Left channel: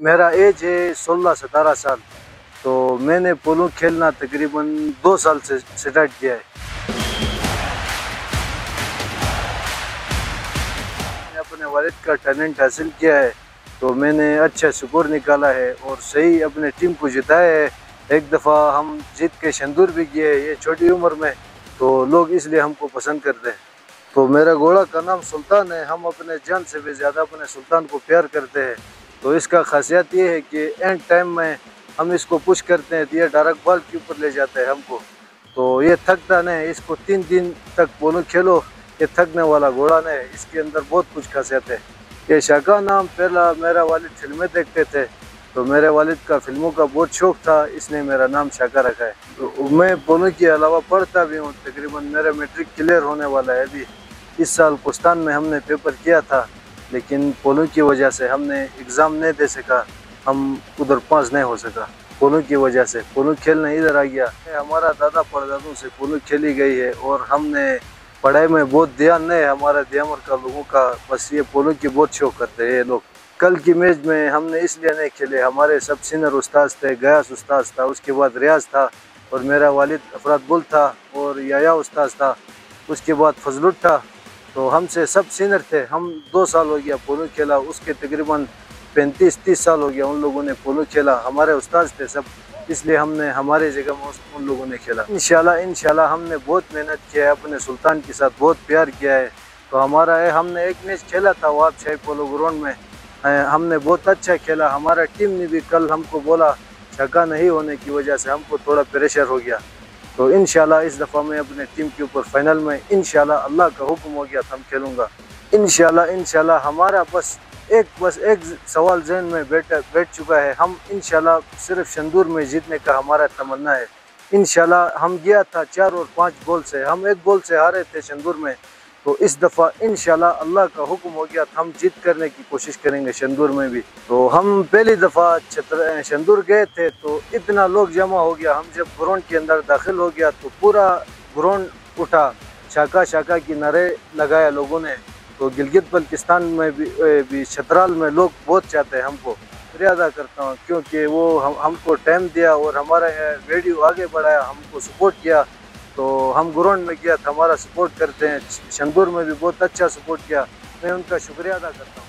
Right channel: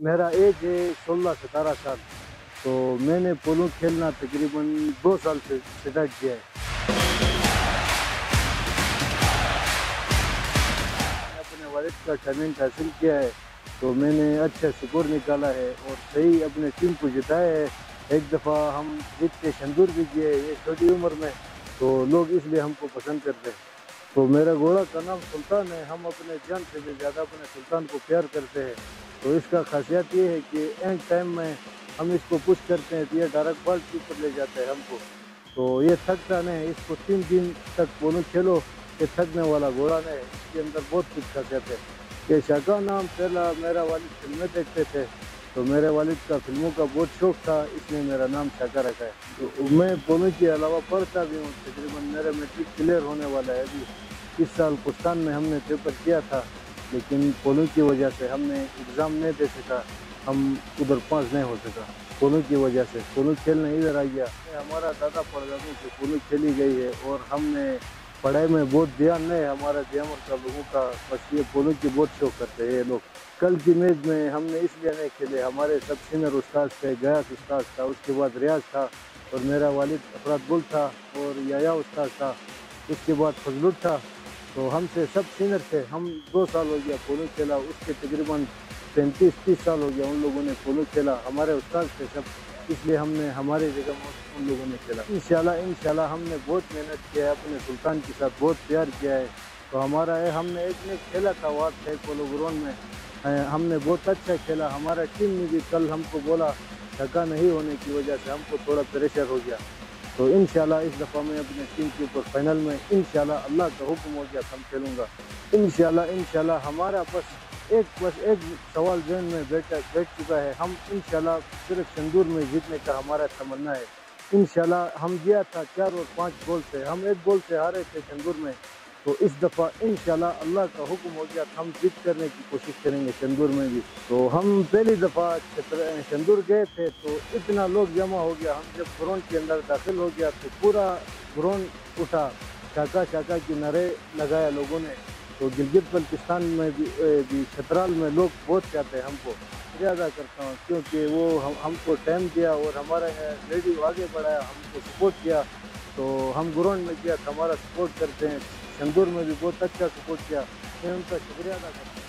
मेरा एज है 16-17 साल। तो मैंने पोलो खेलना तकरीबन 2 साल से स्टार्ट किया है। मैंने अपने वालिद का टैलेंट हासिल किया है, तो मैंने अच्छा स्कोर निकाला है और सही अपने टीम को जिताया है। एक दफ़ा हम जीत के शंदूर भी गए ये छोटी उम्र में, तो लोग इसलिए हमको पसंद करते हैं। तो मेरा घोड़ा का नाम सुल्तान है। हम अपने जान से भी ज़्यादा अपने सुल्तान को प्यार करते हैं। तो इसका खासियत ये है कि एंड टाइम में हम इसको पुश करते हैं तो ये डायरेक्ट बॉल के ऊपर ले जाता है हमको। तो ये थकता नहीं, इसको 3 दिन तक पोलो खेलो, ये थकने वाला घोड़ा नहीं। इसके अंदर बहुत कुछ खासियत है। ये शाका नाम पहला मेरा वालिद फिल्में देखते थे, तो मेरे वालिद का फिल्मों का बहुत शौक था, इसने मेरा नाम शाका रखा है। तो मैं पोलो के अलावा पढ़ता भी हूँ। तकरीबन मेरा मैट्रिक क्लियर होने वाला है अभी। इस साल कुस्तान में हमने पेपर किया था, लेकिन पोलो की वजह से हमने एग्ज़ाम नहीं दे सका, हम उधर पास नहीं हो सका। पोलो की वजह से पोलो खेलने इधर आ गया। हमारा दादा परदादों से पोलो खेली गई है और हमने पढ़ाई में बहुत ध्यान नहीं है हमारा दियामर का लोगों का, बस ये पोलो की बहुत शौक करते हैं ये लोग। कल की मैच में हमने इसलिए नहीं खेले, हमारे सब सीनियर उस्ताद थे। गयास उस्ताद था, उसके बाद रियाज था और मेरा वालिद अफराद बुल था और याया उस्ताद था, उसके बाद फजलुल था। तो हमसे सब सीनियर थे। हम 2 साल हो गया पोलो खेला, उसके तकरीबन 35-30 साल हो गया उन लोगों ने पोलो खेला। हमारे उस्ताद थे सब, इसलिए हमने हमारे जगह में उन लोगों ने खेला। इंशाल्लाह हमने बहुत मेहनत किया है, अपने सुल्तान के साथ बहुत प्यार किया है। तो हमारा है, हमने एक मैच खेला था वाब शाही पोलो ग्राउंड में, हमने बहुत अच्छा खेला। हमारा टीम ने भी कल हमको बोला, छक्का नहीं होने की वजह से हमको थोड़ा प्रेशर हो गया। तो इंशाल्लाह इस दफ़ा मैं अपने टीम के ऊपर फाइनल में इंशाल्लाह अल्लाह का हुक्म हो गया तो हम खेलूँगा इंशाल्लाह। हमारा बस एक सवाल जहन में बैठ चुका है। हम इंशाल्लाह सिर्फ शंदूर में जीतने का हमारा तमन्ना है। इंशाल्लाह हम गया था 4 और 5 गोल से, हम 1 गोल से हारे थे शंदूर में। तो इस दफ़ा इंशाल्लाह अल्लाह का हुक्म हो गया तो हम जीत करने की कोशिश करेंगे शंदूर में भी। तो हम पहली दफ़ा शंदूर गए थे तो इतना लोग जमा हो गया। हम जब ग्राउंड के अंदर दाखिल हो गया तो पूरा ग्राउंड उठा, शाका शाका की नारे लगाया लोगों ने। तो गिलगित बल्तिस्तान में भी छतराल में लोग बहुत चाहते हैं हमको। शुक्रिया अदा करता हूँ क्योंकि वो हमको टाइम दिया और हमारा रेडियो आगे बढ़ाया, हमको सपोर्ट किया। तो हम ग्राउंड में गया था, हमारा सपोर्ट करते हैं। शंदूर में भी बहुत अच्छा सपोर्ट किया, मैं उनका शुक्रिया अदा करता हूँ।